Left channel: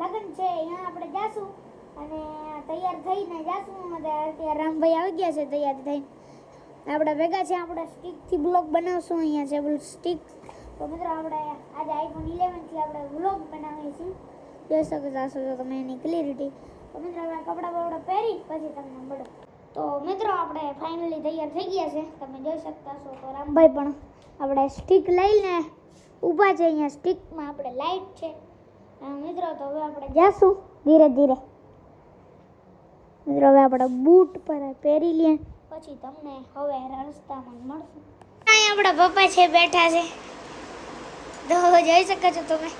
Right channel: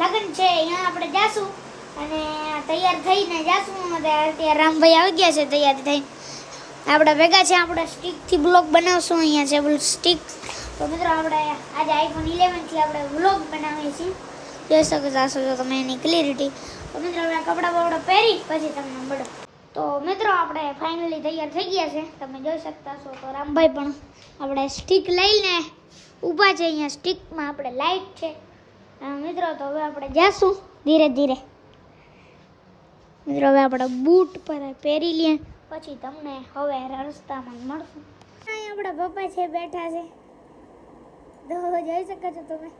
લગન છે અહીંયા આપણે જાશું અને તૈયાર થઈને જાશું. અત્યારે રામભાઈ આવી ગયા છે તૈયાર થઈને. આપણે ભેગા છે, આપણે સ્ટિકથી બ્લોગ બનાવશું. અહીંયા છે સ્ટિક. તો મિત્રો આપણે આજે આઈફોન 11થી આપણે વ્લોગ બનાવીએ છીએ. જોઈ શકો છો તમે એની ક્લિયરિટી. તો મિત્રો આપણે કપડાં બપડા પહેરી પછી તમને મળો. તો મિત્રો આપણે ફાઇનલી તૈયાર થઈ ગયા છે, તમે જોઈ શકતા છો. તો રામભાઈ પણ આપણે સ્ટિક લઈને ઊભા છે. અહીંયા સ્ટિકમાં આપણે લાઈટ છે મિત્રો. તો હવે આપણે જાશું ધીરે ધીરે. મિત્રો હવે આપણે બૂટ પર પહેરી લઈએ પછી તમને હવે રસ્તામાં મળશું. અહીંયા આપણા પપ્પા છે બેઠા છે, તો જોઈ શકો છો તમે.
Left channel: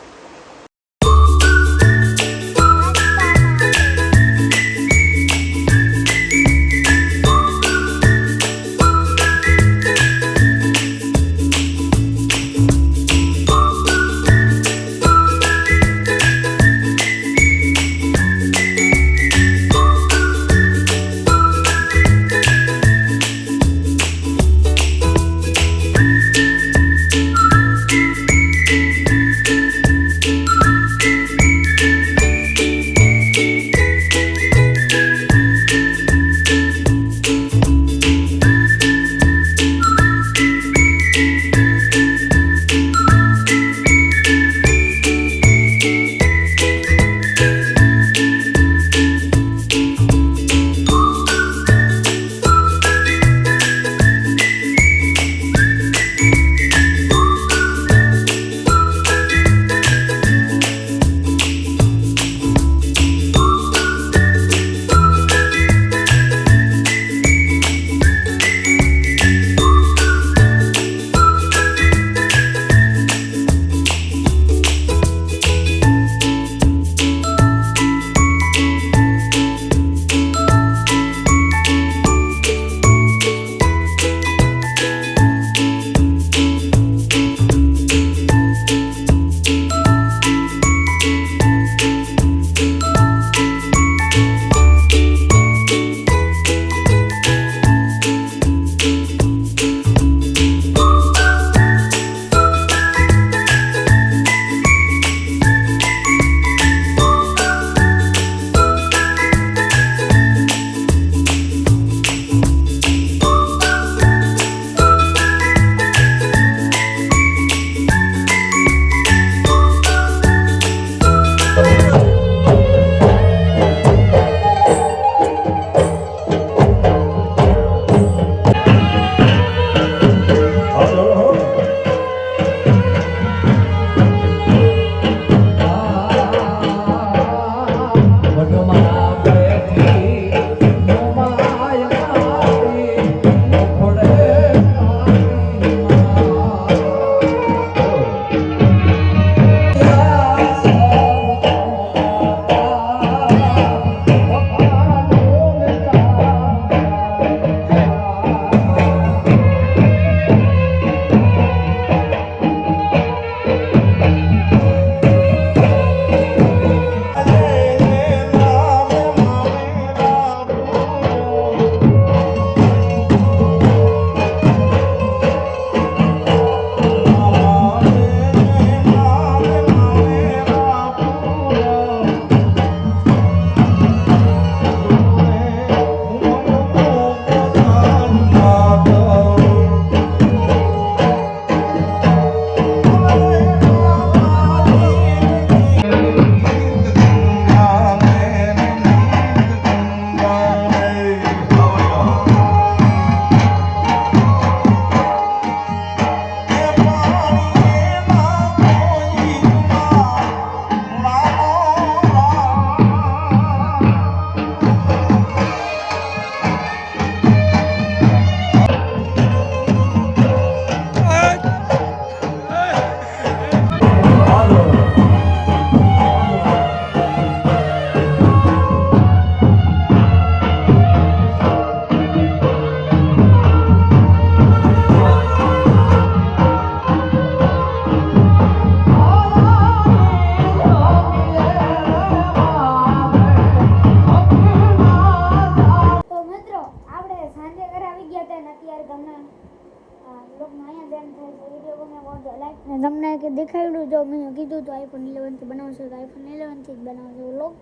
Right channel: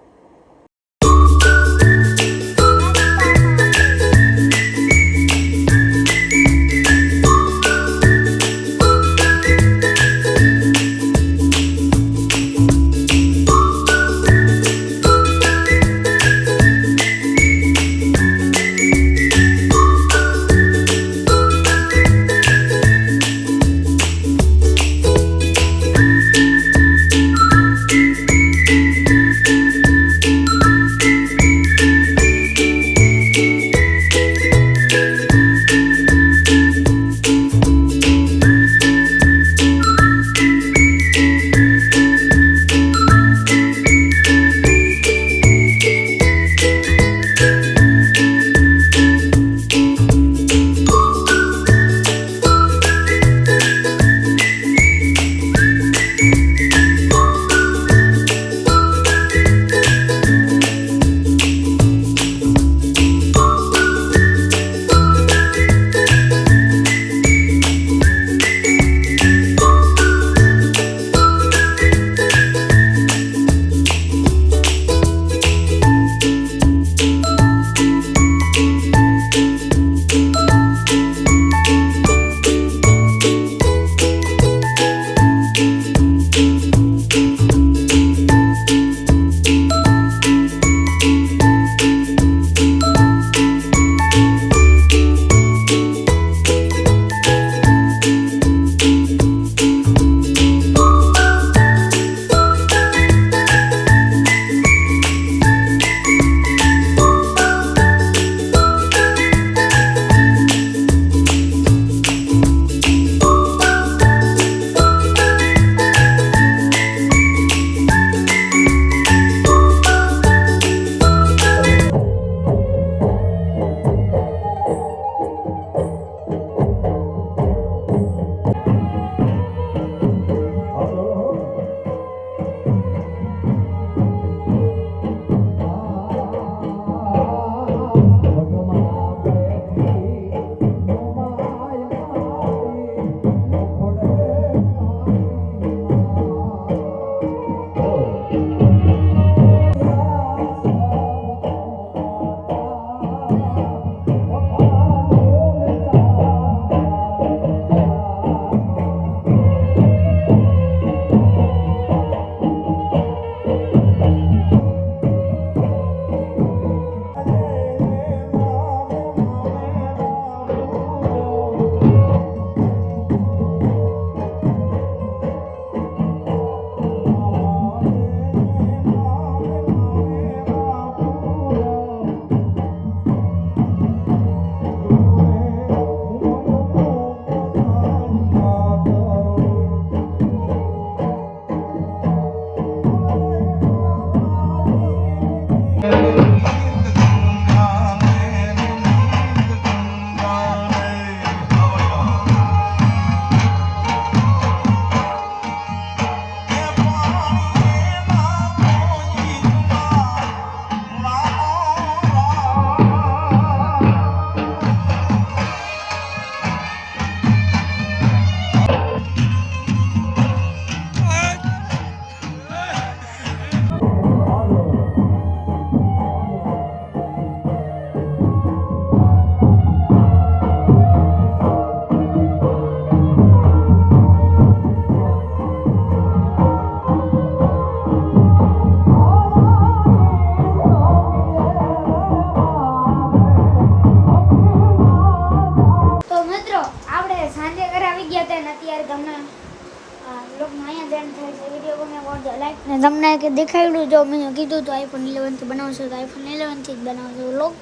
બ્લોગમાં અહીંયા ધ્યાન થાય છે. વિડીયો ગમે કરજો લાઈક. ને તમને કે દેખાડ્યું જો મેં કીધું તો આઈફોન 11 થી બનાવશો તો આઈફોન 11 થી જ બનાવજો વ્લોગ.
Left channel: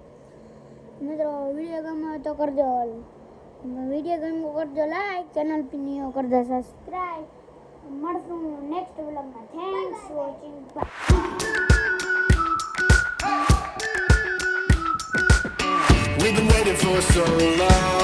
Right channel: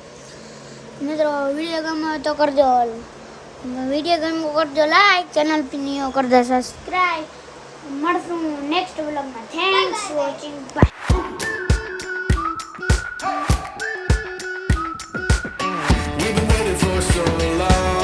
મિત્રો વિડીયો ગમે તો કરજો, વિડીયો ગમે કરજો લાઈક, ચેનલ પીનીઓ કરજો સબસ્ક્રાઇબ. મળશું નેક્સ્ટ વ્લોગમાં. Thanks for watching. Bye. We've been waiting for so long.